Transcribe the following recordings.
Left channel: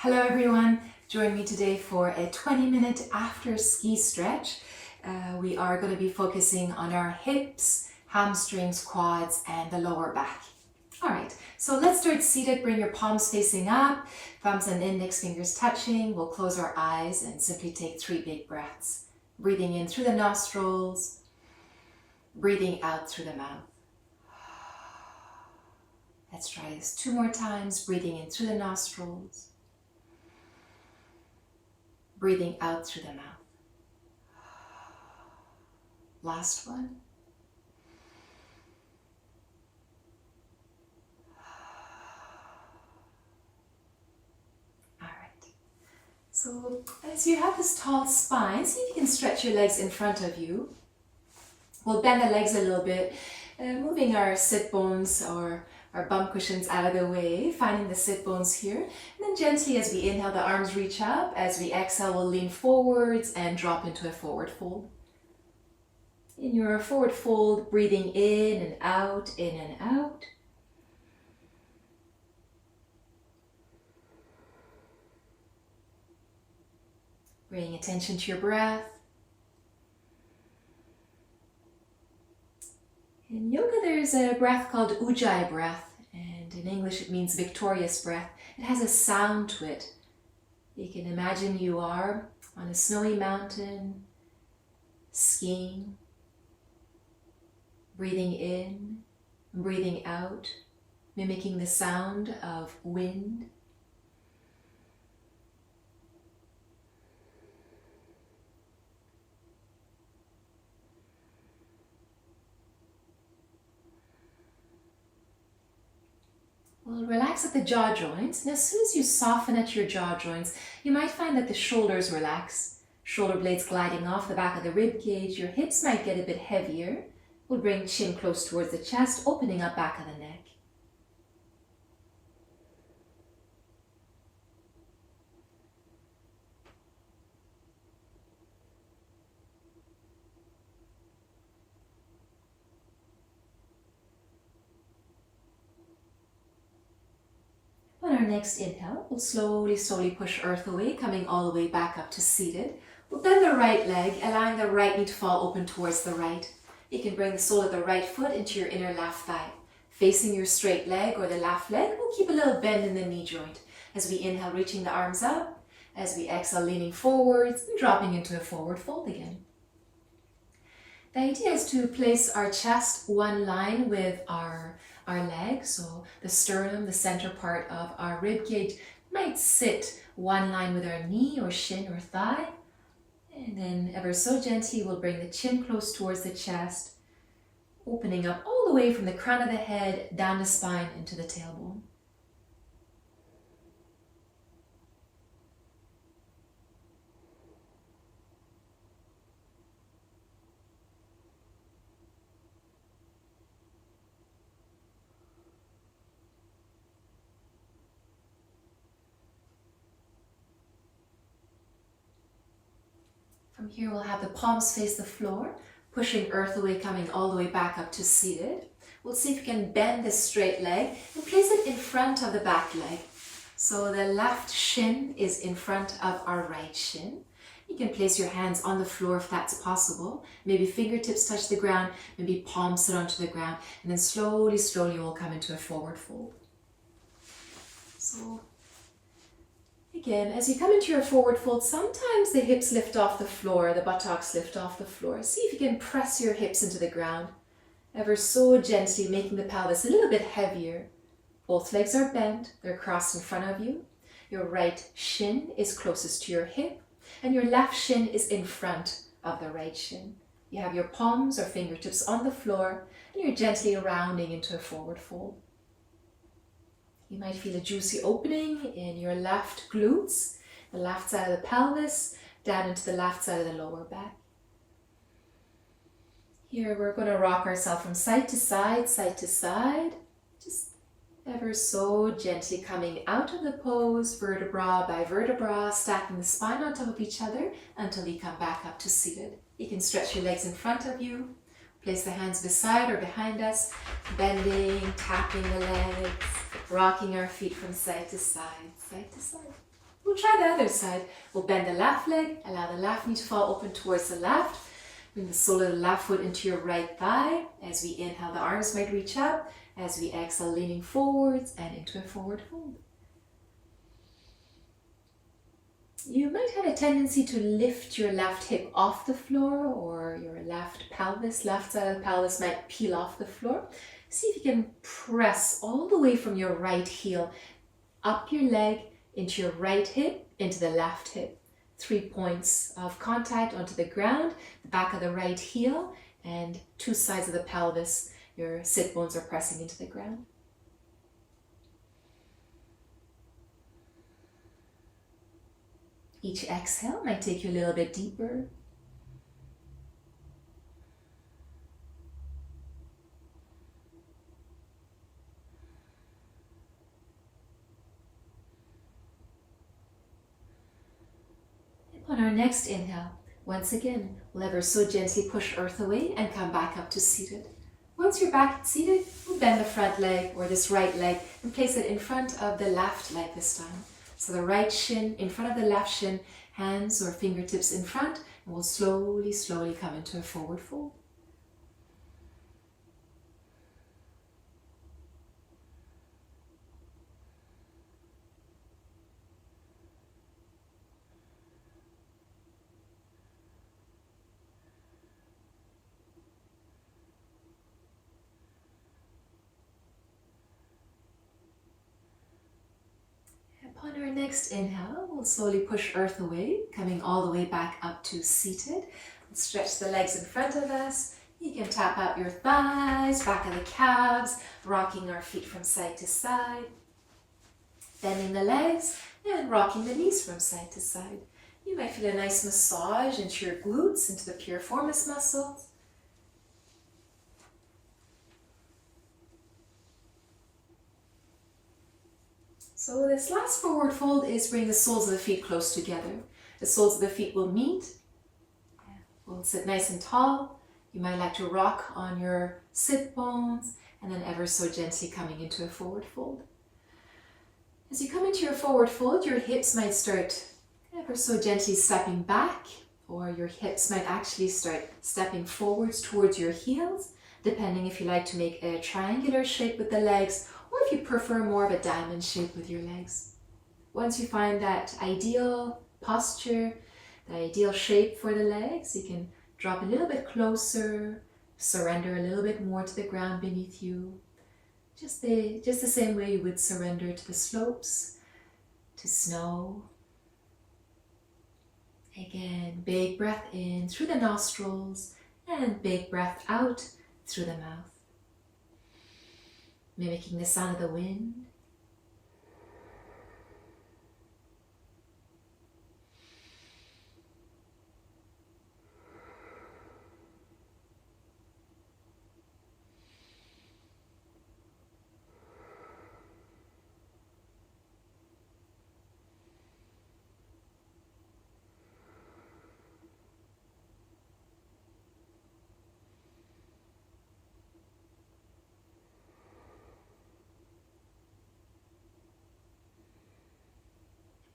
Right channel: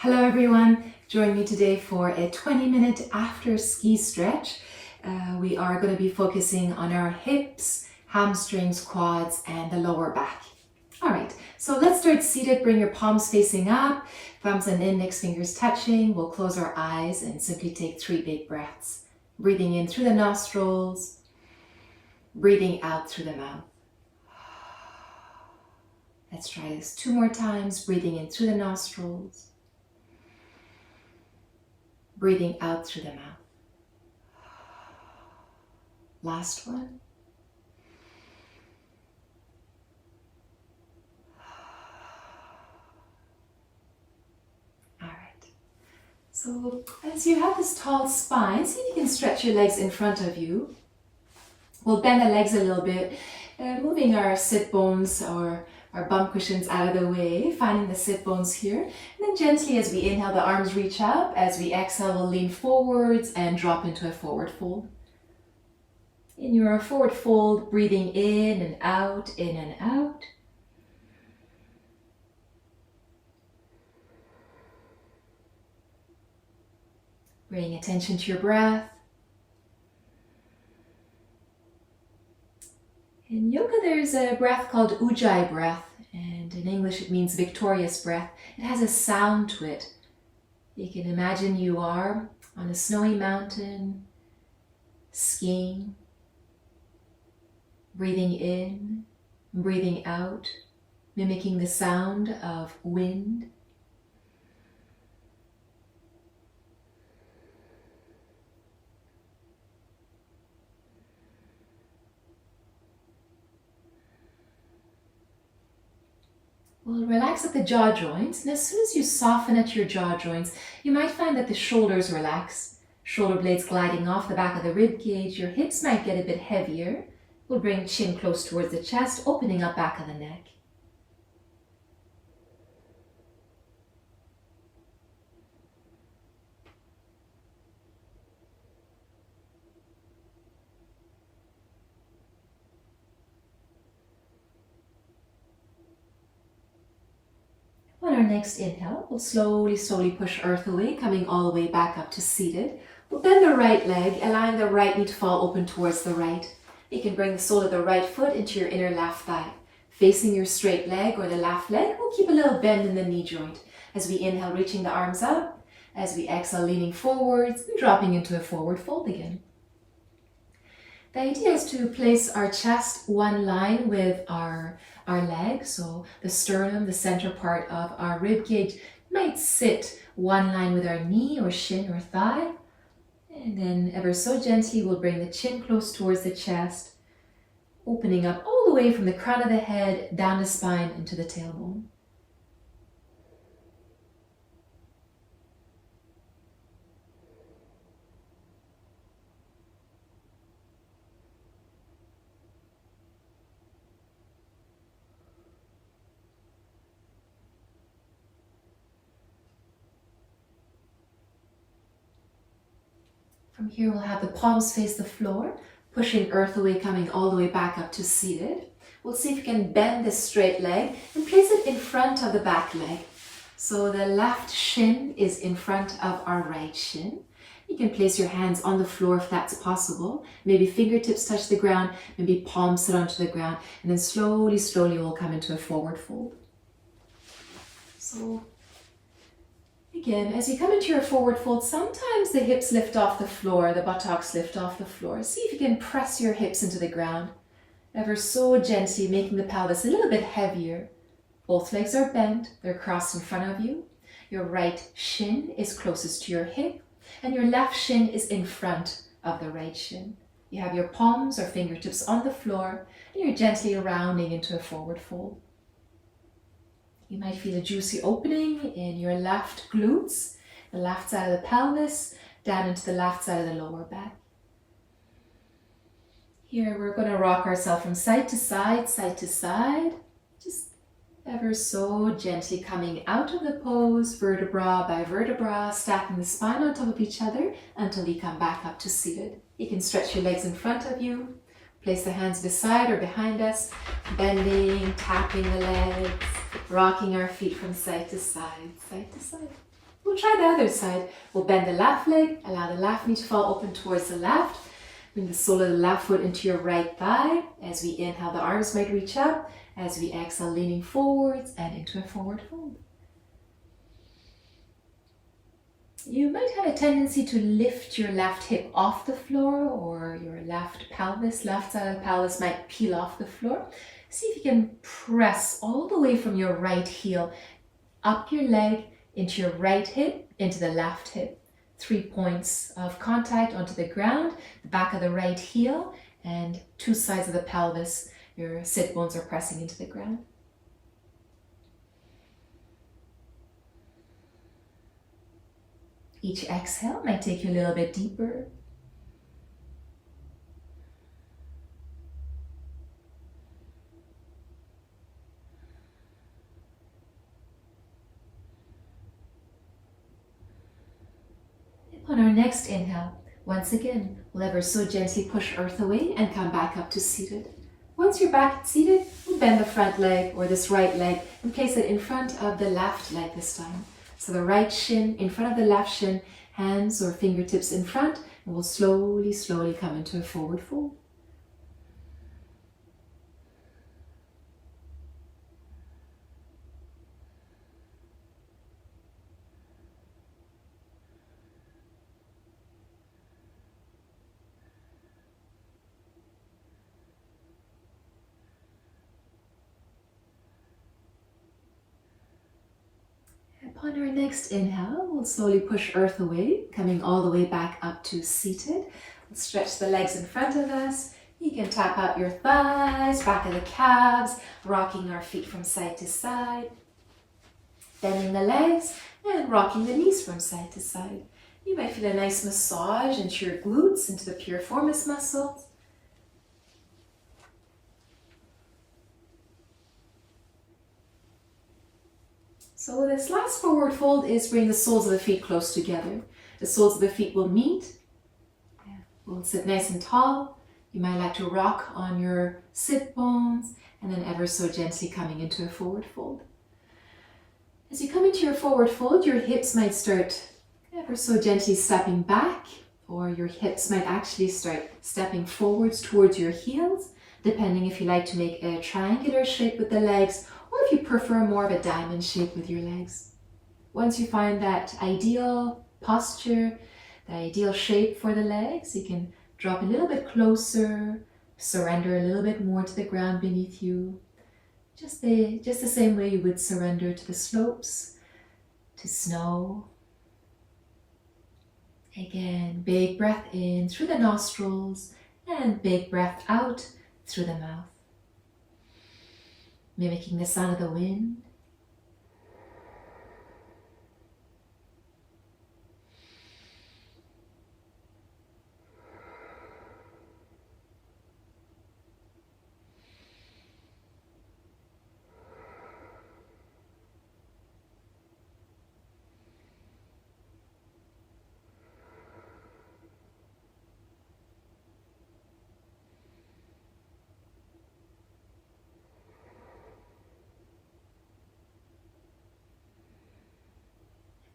Hello everyone, join me today for a 20-minute after ski stretch. We are going to be focusing on our hips, hamstrings, quads and the lower back. Alright, so let's start seated. Bring your palms facing up, thumbs and index fingers touching. We'll close our eyes and simply take 3 big breaths. Breathing in through the nostrils, breathing out through the mouth. Let's try this 2 more times. Breathing in through the nostrils, breathing out through the mouth. Last one. All right. So as you have this tall spine, see if you can stretch your legs in front of you. We'll bend the legs a little bit, moving our sit bones or our bum cushions out of the way, finding the sit bones here. And then gently as we inhale, the arms reach up. As we exhale, we'll lean forwards and drop into a forward fold. In your forward fold, breathing in and out, in and out. Bringing attention to your breath. In yoga, there's a breath called Ujjayi breath, and in English it means victorious breath. It has a sound to it. You can imagine you are on a snowy mountain, skiing, breathing in, breathing out, mimicking the sound of wind. We'll relax at the jaw joints, and as soon as you soften at your jaw joints, you might find that the shoulders relax, shoulder blades gliding off the back of the rib cage. Your hips might get a bit heavier. We'll bring chin close towards the chest, opening up back of the neck. On our next inhale, we'll slowly push earth away, coming all the way back up to seated. We'll bend the right leg, allowing the right knee to fall open towards the right. You can bring the sole of the right foot into your inner left thigh. Facing your straight leg or the left leg, we'll keep a little bend in the knee joint. As we inhale, reaching the arms up. As we exhale, leaning forwards and dropping into a forward fold again. The idea is to place our chest one line with our legs, so the sternum, the center part of our rib cage, might sit one line with our knee or shin or thigh. And then ever so gently, we'll bring the chin close towards the chest, opening up all the way from the crown of the head, down the spine, into the tailbone. From here, we'll have the palms face the floor, pushing earth away, coming all the way back up to seated. We'll see if we can bend this straight leg and place it in front of the back leg. So the left shin is in front of our right shin. You can place your hands on the floor if that's possible. Maybe fingertips touch the ground, maybe palms sit onto the ground, and then slowly we'll come into a forward fold. So again, as you come into your forward fold, sometimes the hips lift off the floor, the buttocks lift off the floor. See if you can press your hips into the ground, ever so gently, making the pelvis a little bit heavier. Both legs are bent, they're crossed in front of you. Your right shin is closest to your hip, and your left shin is in front of the right shin. You have your palms or fingertips on the floor, and you're gently rounding into a forward fold. You might feel a juicy opening in your left glutes, the left side of the pelvis, down into the left side of the lower back. Here we're going to rock ourselves from side to side, just ever so gently coming out of the pose, vertebra by vertebra, stacking the spine on top of each other until we come back up to seated. You can stretch your legs in front of you. Place the hands beside or behind us, bending, tapping the legs, rocking our feet from side to side, side to side. We'll try the other side. We'll bend the left leg, allow the left knee to fall open towards the left. Bring the sole of the left foot into your right thigh. As we inhale, the arms might reach up. As we exhale, leaning forwards and into a forward fold. You might have a tendency to lift your left hip off the floor, or your left pelvis, left side of the pelvis might peel off the floor. See if you can press all the way from your right heel up your leg into your right hip, into the left hip. 3 points of contact onto the ground, the back of the right heel, and 2 sides of the pelvis. Your sit bones are pressing into the ground. Each exhale might take you a little bit deeper. On our next inhale, once again, we'll ever so gently push earth away and come back up to seated. Once you're back seated, we'll bend the front leg or this right leg and place it in front of the left leg this time. So the right shin in front of the left shin, hands or fingertips in front, and we'll slowly, slowly come into a forward fold. Upon our next inhale, we'll slowly push earth away, coming all the way back up to seated. We'll stretch the legs in front of us. You can tap out your thighs, back of the calves, rocking our feet from side to side. Bending the legs and rocking the knees from side to side. You might feel a nice massage into your glutes, into the piriformis muscles. So this last forward fold is bring the soles of the feet close together. The soles of the feet will meet. We'll sit nice and tall. You might like to rock on your sit bones and then ever so gently coming into a forward fold. As you come into your forward fold, your hips might start ever so gently stepping back, or your hips might actually start stepping forwards towards your heels, depending if you like to make a triangular shape with the legs, or if you prefer more of a diamond shape with your legs. Once you find that ideal posture, the ideal shape for the legs, you can drop a little bit closer, surrender a little bit more to the ground beneath you. Just the same way you would surrender to the slopes, to snow. Again, big breath in through the nostrils and big breath out through the mouth. Mimicking the sound of the wind.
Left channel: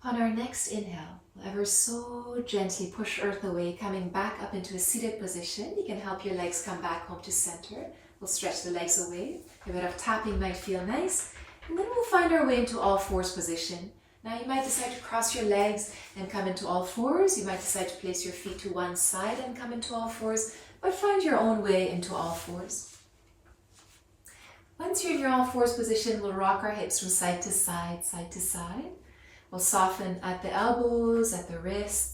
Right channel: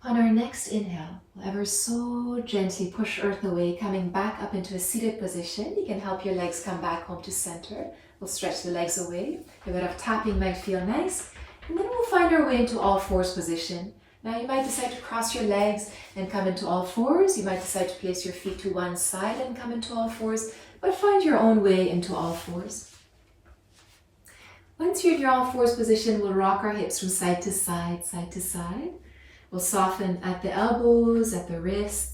On our next inhale, we'll ever so gently push earth away, coming back up into a seated position. You can help your legs come back home to center. We'll stretch the legs away. A bit of tapping might feel nice. And then we'll find our way into all fours position. Now you might decide to cross your legs and come into all fours. You might decide to place your feet to one side and come into all fours, but find your own way into all fours. Once you're in your all fours position, we'll rock our hips from side to side, side to side. We'll soften at the elbows, at the wrists.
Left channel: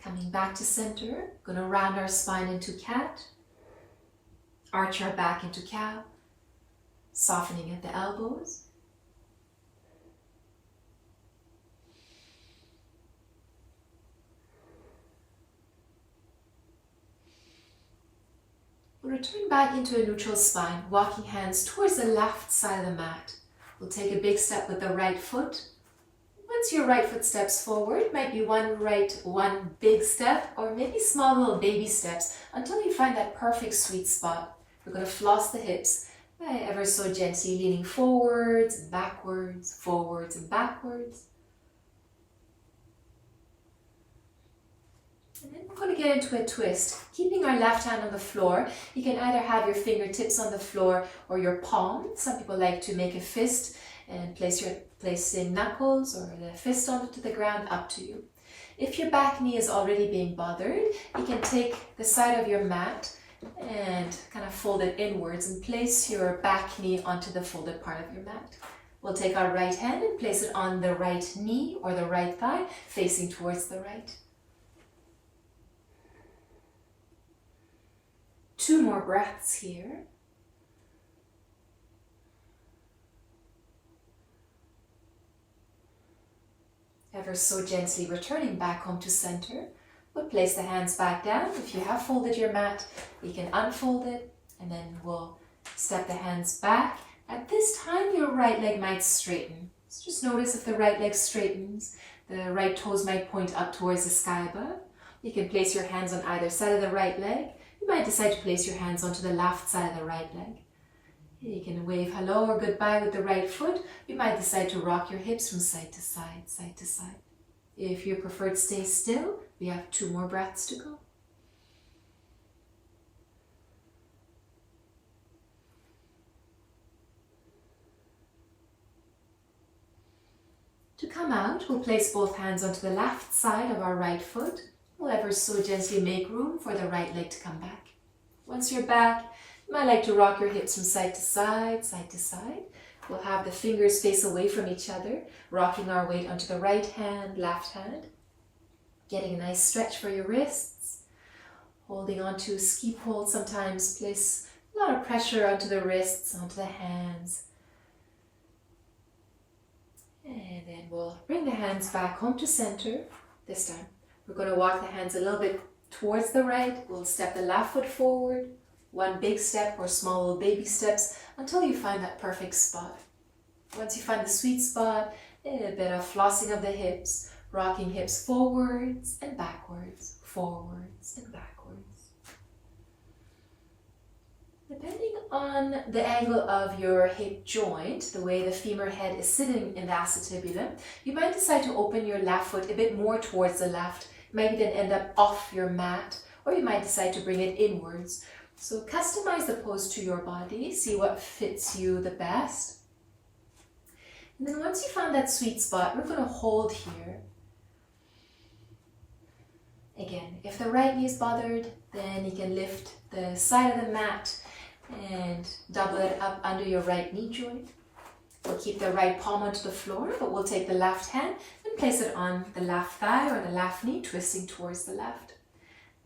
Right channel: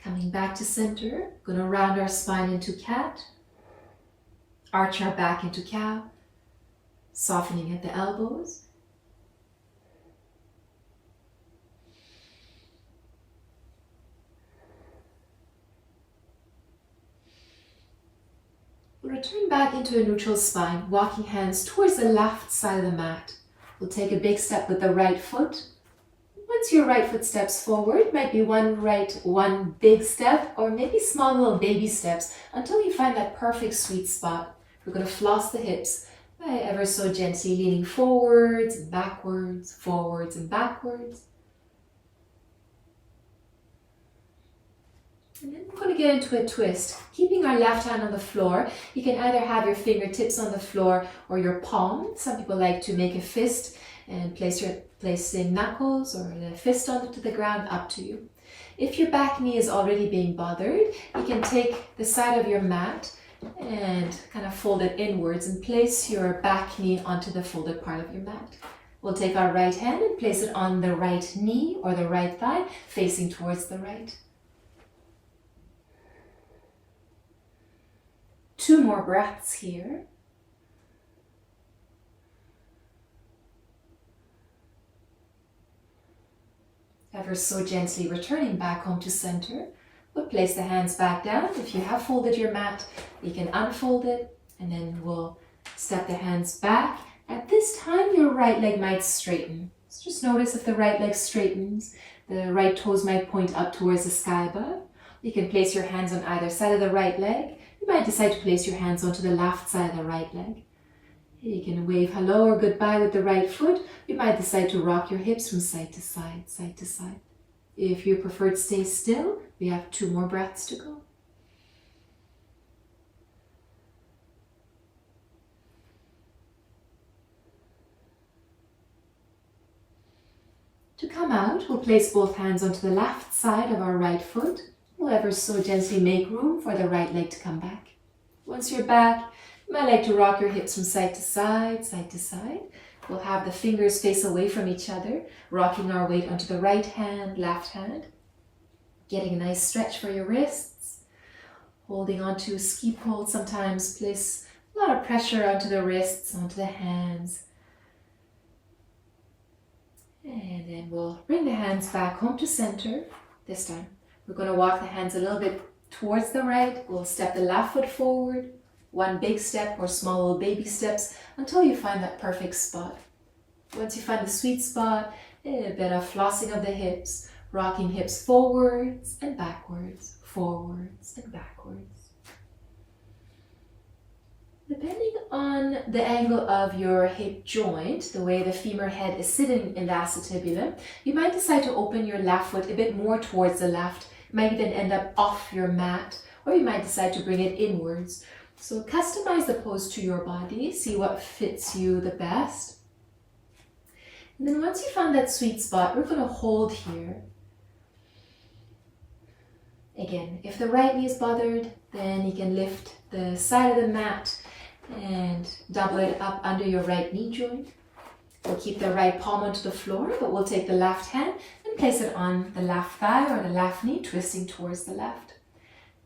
Coming back to center, going to round our spine into cat. Arch our back into cow. Softening at the elbows. We'll return back into a neutral spine, walking hands towards the left side of the mat. We'll take a big step with the right foot. Once your right foot steps forward, might be one big step, or maybe small little baby steps until you find that perfect sweet spot. We're going to floss the hips, by ever so gently leaning forwards and backwards, forwards and backwards. And then we're going to get into a twist. Keeping our left hand on the floor, you can either have your fingertips on the floor or your palm. Some people like to make a fist and placing knuckles or the fist onto the ground, up to you. If your back knee is already being bothered, you can take the side of your mat and kind of fold it inwards and place your back knee onto the folded part of your mat. We'll take our right hand and place it on the right knee or the right thigh, facing towards the right. 2 more breaths here. Ever so gently returning back home to center. We'll place the hands back down. If you have folded your mat, you can unfold it, and then we'll step the hands back. At this time, your right leg might straighten. So just notice if the right leg straightens, the right toes might point up towards the sky above. You can place your hands on either side of the right leg. You might decide to place your hands onto the left side of the right leg. You can wave hello or goodbye with the right foot. You might decide to rock your hips from side to side, side to side. If you prefer to stay still, we have 2 more breaths to go. To come out, we'll place both hands onto the left side of our right foot. We'll ever so gently make room for the right leg to come back. Once you're back, you might like to rock your hips from side to side, side to side. We'll have the fingers face away from each other, rocking our weight onto the right hand, left hand. Getting a nice stretch for your wrists. Holding onto ski pole, sometimes place a lot of pressure onto the wrists, onto the hands. And then we'll bring the hands back home to center. This time, we're going to walk the hands a little bit towards the right. We'll step the left foot forward. 1 big step or small little baby steps until you find that perfect spot. Once you find the sweet spot, a bit of flossing of the hips, rocking hips forwards and backwards, forwards and backwards. Depending on the angle of your hip joint, the way the femur head is sitting in the acetibulum, you might decide to open your left foot a bit more towards the left. It might even end up off your mat, or you might decide to bring it inwards. So customize the pose to your body, see what fits you the best. And then once you found that sweet spot, we're going to hold here. Again, if the right knee is bothered, then you can lift the side of the mat and double it up under your right knee joint. We'll keep the right palm onto the floor, but we'll take the left hand and place it on the left thigh or the left knee, twisting towards the left.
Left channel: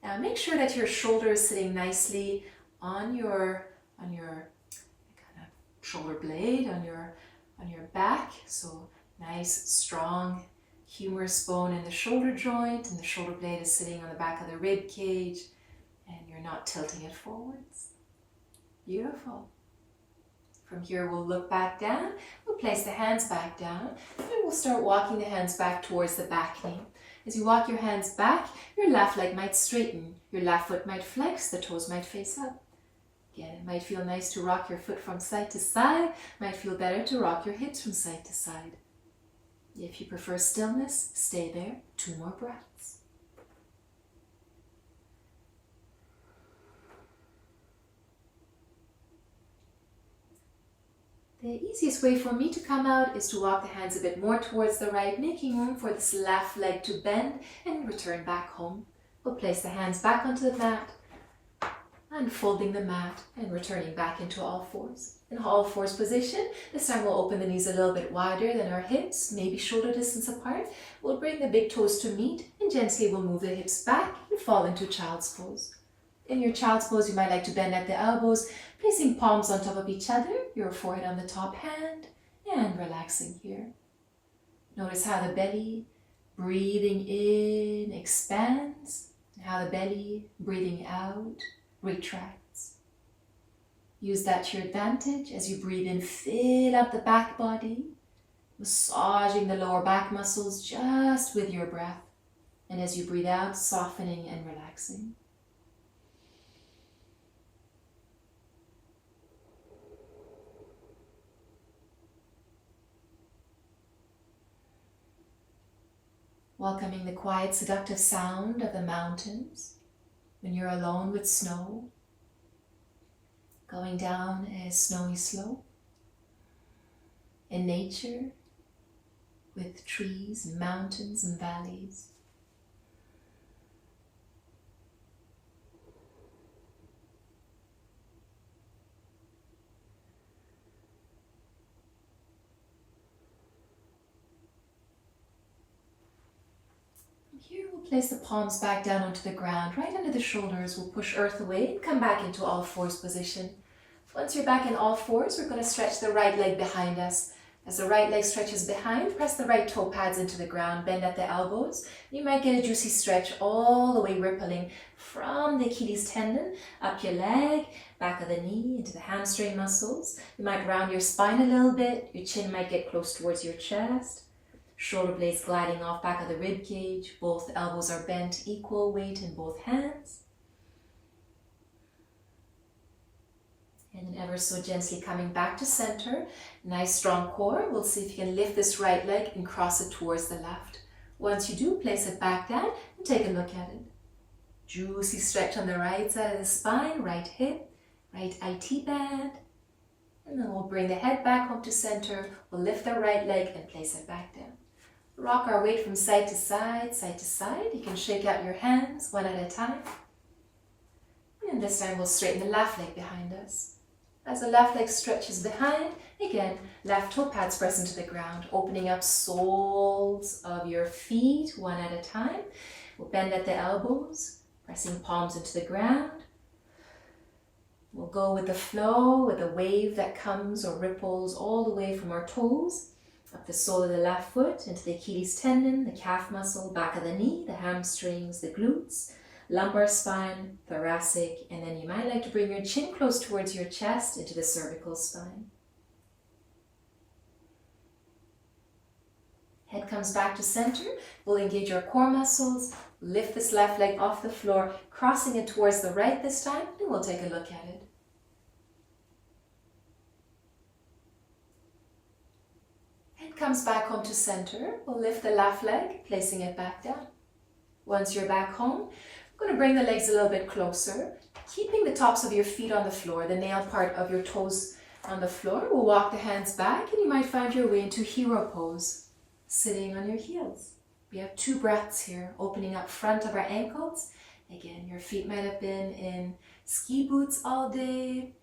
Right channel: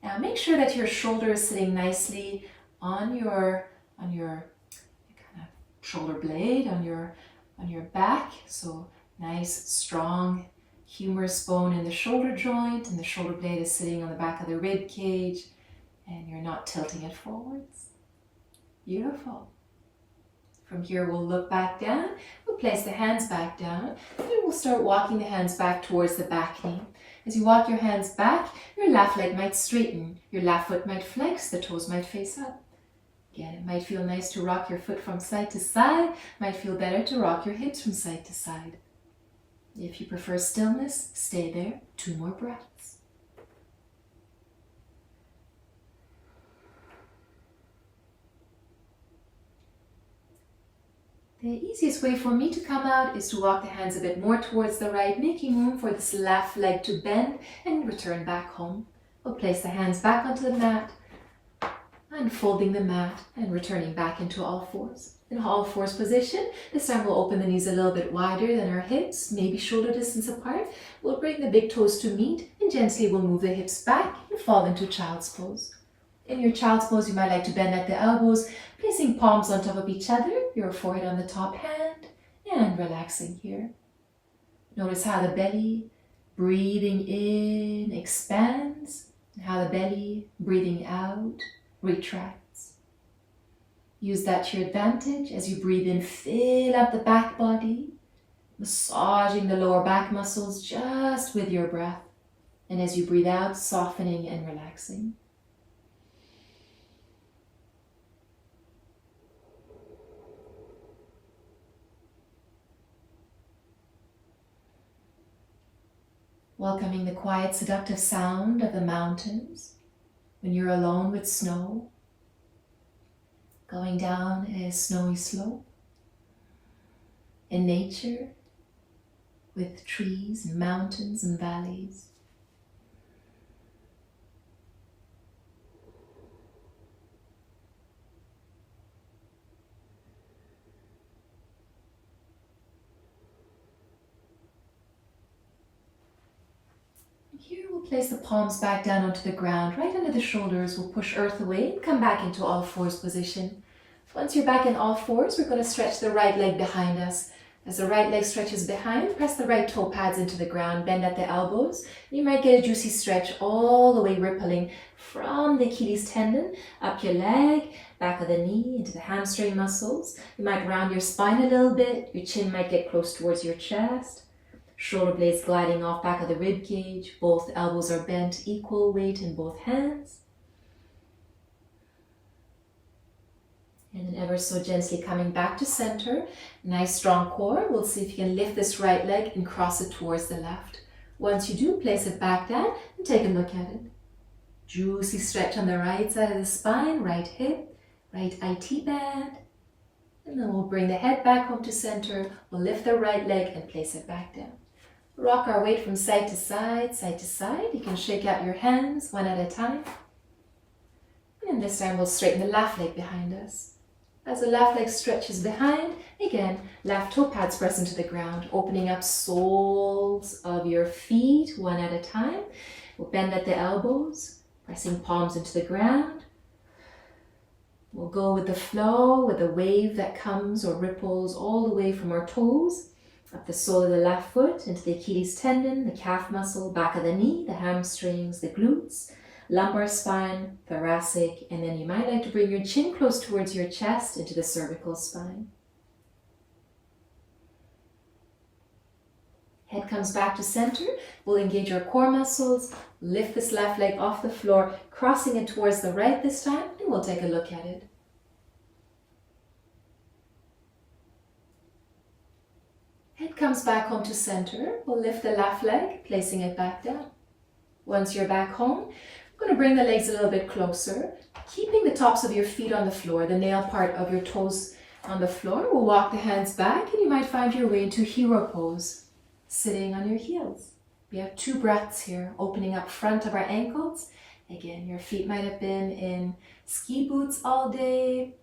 Now make sure that your shoulder is sitting nicely on your kind of shoulder blade, on your back. So nice, strong, humerus bone in the shoulder joint, and the shoulder blade is sitting on the back of the rib cage, and you're not tilting it forwards. Beautiful. From here, we'll look back down. We'll place the hands back down, and we'll start walking the hands back towards the back knee. As you walk your hands back, your left leg might straighten, your left foot might flex, the toes might face up. Again, it might feel nice to rock your foot from side to side, might feel better to rock your hips from side to side. If you prefer stillness, stay there. 2 more breaths. The easiest way for me to come out is to walk the hands a bit more towards the right, making room for this left leg to bend and return back home. We'll place the hands back onto the mat, unfolding the mat and returning back into all fours. In all fours position, this time we'll open the knees a little bit wider than our hips, maybe shoulder distance apart. We'll bring the big toes to meet and gently we'll move the hips back and fall into child's pose. In your child's pose, you might like to bend at the elbows, placing palms on top of each other, your forehead on the top hand, and relaxing here. Notice how the belly, breathing in, expands, and how the belly, breathing out, retracts. Use that to your advantage as you breathe in, fill up the back body, massaging the lower back muscles just with your breath. And as you breathe out, softening and relaxing. welcoming the quiet, seductive sound of the mountains when you're alone with snow, going down a snowy slope in nature with trees and mountains and valleys. Here we'll place the palms back down onto the ground, right under the shoulders. We'll push earth away and come back into all fours position. Once you're back in all fours, we're going to stretch the right leg behind us. As the right leg stretches behind, press the right toe pads into the ground, bend at the elbows. You might get a juicy stretch all the way rippling from the Achilles tendon, up your leg, back of the knee, into the hamstring muscles. You might round your spine a little bit. Your chin might get close towards your chest. Shoulder blades gliding off back of the rib cage. Both elbows are bent, equal weight in both hands. And then ever so gently coming back to center. Nice strong core. We'll see if you can lift this right leg and cross it towards the left. Once you do, place it back down and take a look at it. Juicy stretch on the right side of the spine, right hip, right IT band. And then we'll bring the head back home to center. We'll lift the right leg and place it back down. Rock our weight from side to side, side to side. You can shake out your hands one at a time. And this time we'll straighten the left leg behind us. As the left leg stretches behind, again, left toe pads press into the ground, opening up soles of your feet one at a time. We'll bend at the elbows, pressing palms into the ground. We'll go with the flow, with the wave that comes or ripples all the way from our toes, up the sole of the left foot, into the Achilles tendon, the calf muscle, back of the knee, the hamstrings, the glutes, lumbar spine, thoracic, and then you might like to bring your chin close towards your chest into the cervical spine. Head comes back to center. We'll engage our core muscles, lift this left leg off the floor, crossing it towards the right this time, and we'll take a look at it. Head comes back home to center. We'll lift the left leg, placing it back down. Once you're back home, we're going to bring the legs a little bit closer, keeping the tops of your feet on the floor, the nail part of your toes on the floor. We'll walk the hands back and you might find your way into hero pose, sitting on your heels. We have 2 breaths here, opening up front of our ankles. Again, your feet might have been in ski boots all day.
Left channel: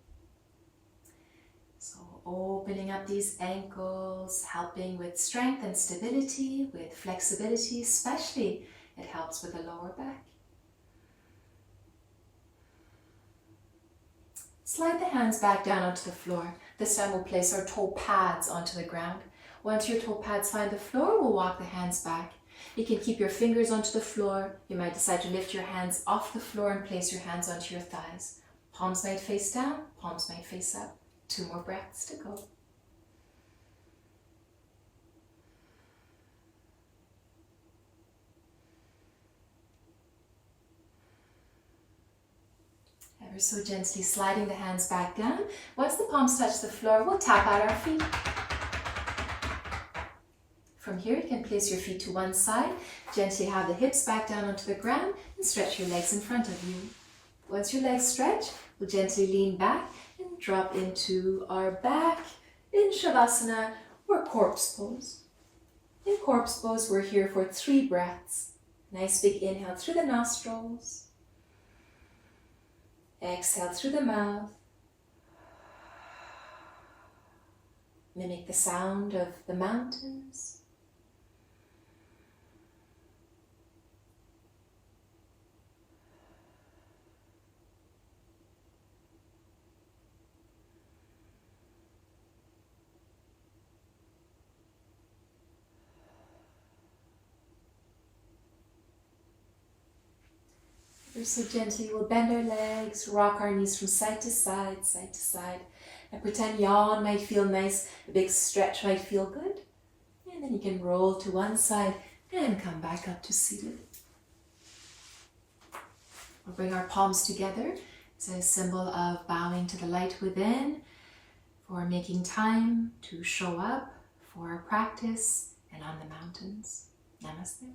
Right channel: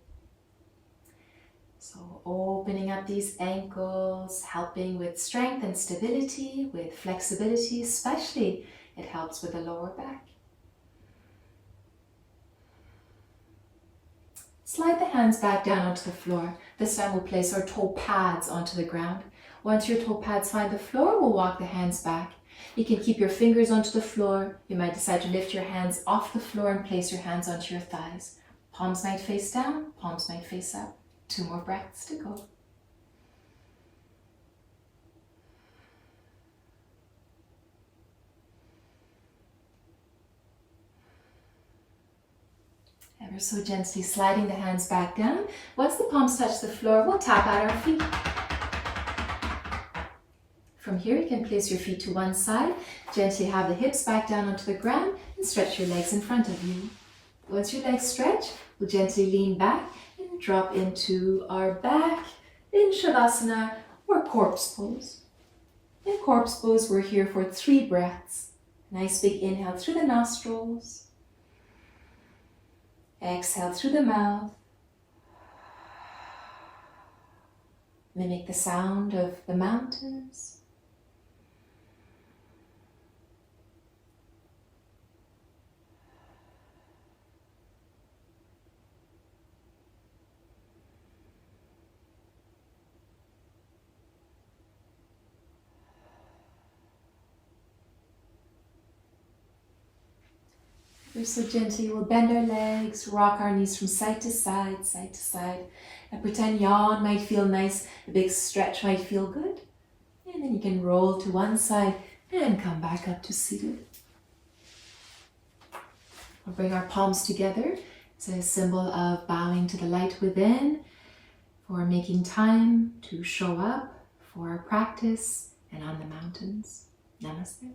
So opening up these ankles, helping with strength and stability, with flexibility, especially it helps with the lower back. Slide the hands back down onto the floor. This time we'll place our toe pads onto the ground. Once your toe pads find the floor, we'll walk the hands back. You can keep your fingers onto the floor. You might decide to lift your hands off the floor and place your hands onto your thighs. Palms might face down, palms might face up. 2 more breaths to go. Ever so gently sliding the hands back down. Once the palms touch the floor, we'll tap out our feet. From here, you can place your feet to one side, gently have the hips back down onto the ground, and stretch your legs in front of you. Once your legs stretch, we'll gently lean back and drop into our back in Shavasana or corpse pose. In corpse pose, we're here for 3 breaths. Nice big inhale through the nostrils. Exhale through the mouth. Mimic the sound of the mountains. So gently we'll bend our legs, rock our knees from side to side, side to side. And pretend yawn might feel nice, a big stretch might feel good. And then you can roll to one side and come back up to seated. We'll bring our palms together. It's a symbol of bowing to the light within, for making time to show up for our practice and on the mountains. Namaste.